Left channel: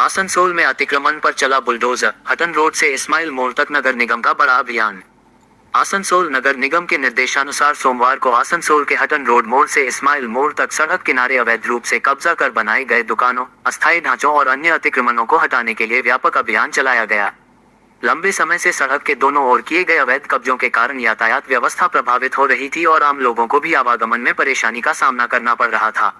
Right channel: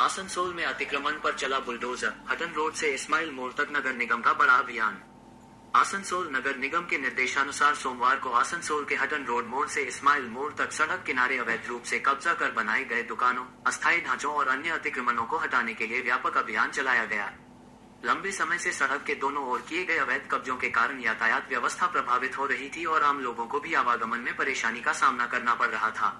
आसनसोल में अतिक्रमण पर चला बुलडोजर, हटन रोड से इस्माइल मोड़ तक नगर निगम का बड़ा अभियान। आसनसोल नगर निगम के निर्देशानुसार सोमवार को आसनसोल के हटन रोड मोड़ से इस्माइल मोड़ तक सड़क किनारे अवैध रूप से कब्जा कर बनाए गए दुकानों, अस्थायी ढांचों और अन्य अतिक्रमणों को हटाने के लिए व्यापक अभियान चलाया गया। लंबे समय से सड़क के दोनों ओर किए गए अवैध कब्जों के कारण यातायात व्यवस्था प्रभावित हो रही थी और आम लोगों को भी आवागमन में परेशानी का सामना करना पड़ रहा था।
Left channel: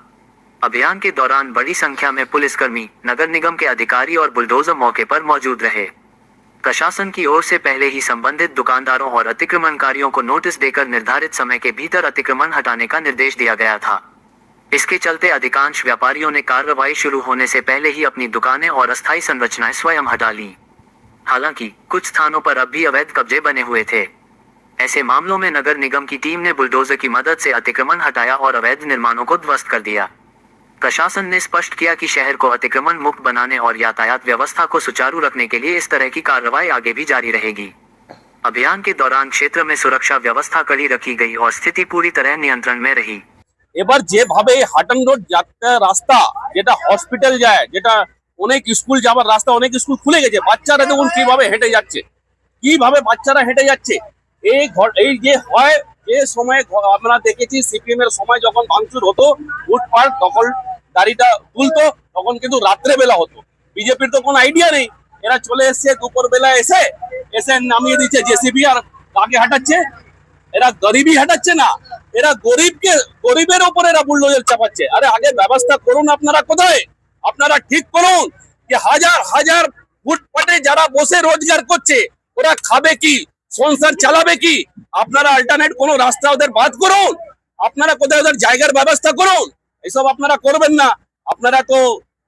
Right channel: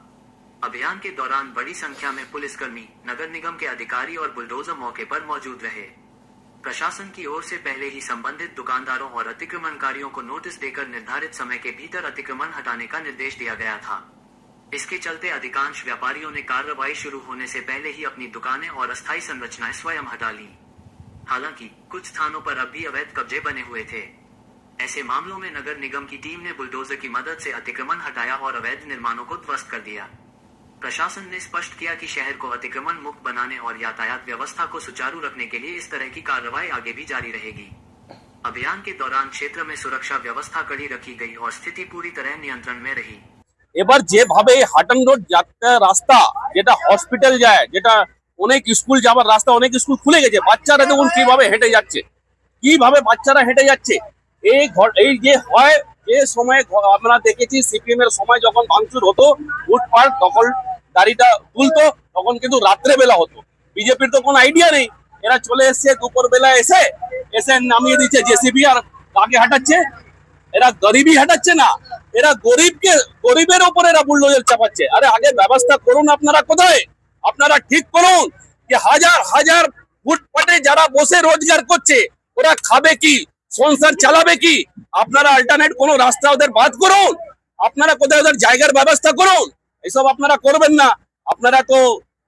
अभियान के दौरान बड़ी संख्या में पुलिसकर्मी, नगर निगम के अधिकारी और बुलडोजर मौके पर मौजूद रहे। प्रशासन की ओर से पहले ही संबंधित दुकानदारों और अतिक्रमणकारियों को नोटिस देकर निर्धारित समय के भीतर अतिक्रमण हटाने का निर्देश दिया गया था। इसके चलते अधिकांश व्यापारियों ने कार्रवाई शुरू होने से पहले ही अपनी दुकानें और अस्थायी संरचनाएं स्वयं हटा ली। हालांकि कुछ स्थानों पर अब भी अवैध कब्जे बने हुए थे। ऐसे मामलों में नगर निगम की टीम ने बुलडोजर की मदद से अतिक्रमण हटाया और अवैध निर्माणों को ध्वस्त कर दिया। प्रशासन ने स्पष्ट किया कि शहर को अतिक्रमण मुक्त बनाने और यातायात व्यवस्था को सुचारू रखने के लिए इस तरह की कार्रवाई आगे भी जारी रहेगी। अभियान के दौरान क्षेत्र में सुरक्षा व्यवस्था कड़ी रखी गई और स्थिति पूरी तरह नियंत्रण में रही। এবার যেভাবে হাটন রোড যাত্রা রাস্তা যেটা হসপিটাল যায়, যেটা অনেক স্কুল যাবার রাস্তা, অনেক স্কুল খুলে গেছে, বাচ্চারা দেখুন কিভাবে হেঁটে যাচ্ছে, কিভাবে বাচ্চারা হেঁটে যাচ্ছে। এই যে হয়, যে সময় আমরা দেখেছি সিপিএম এর সময় যখন ভাঙচুর হতো, ফুটপাত দখলদারিটা তুলতো, তখন কিন্তু রাত্রে বেলা হতো। বিজেপির তো কোনো আইডিয়া নেই, এরা চলে এসছে দুপুর বেলা এসে এসে নামিয়ে দিচ্ছে জেসিবি আর কাকে হাঁটাচ্ছে, এরা গরিবই হাঁটাচ্ছে না, এরা গরিবের ওপর এরা বুলডোজার চাপাচ্ছে। আরে আগে ব্যবস্থা করুন, আপনারা কোথায়? আপনারা ঠিক করুন যে হাজার হাজার ফুটপাতে যারা বসে রোজগার করছে ওরা খাবে কি, সংসার চালাবে কি? আপনারা অল্টারনেট কোনো রাস্তা ওদের বাদ করুন, আপনারা কোথায় ওদের জায়গার ব্যবস্থা করুন। এইসব আপনারা করবেন না। আপনারা তো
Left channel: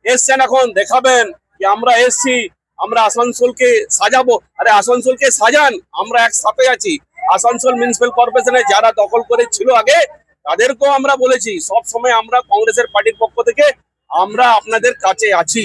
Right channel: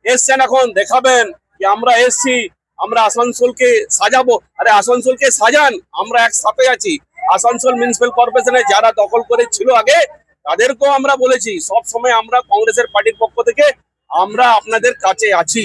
এসছেন এখন দেখাবেন যে আমরা এসছি, আমরা আসানসোলকে সাজাবো। আরে আসানসোলকে সাজান, আমরা একসাথে আছি। আসানসোল মিউনিসিপাল কর্পোরেশনে যারা দখল করে ছিল আগে তাদেরকেও আমরা বলেছি সব সময় আমরা কংগ্রেসের পার্টির পক্ষ থেকে আমরা আপনাদের কাছে আছি।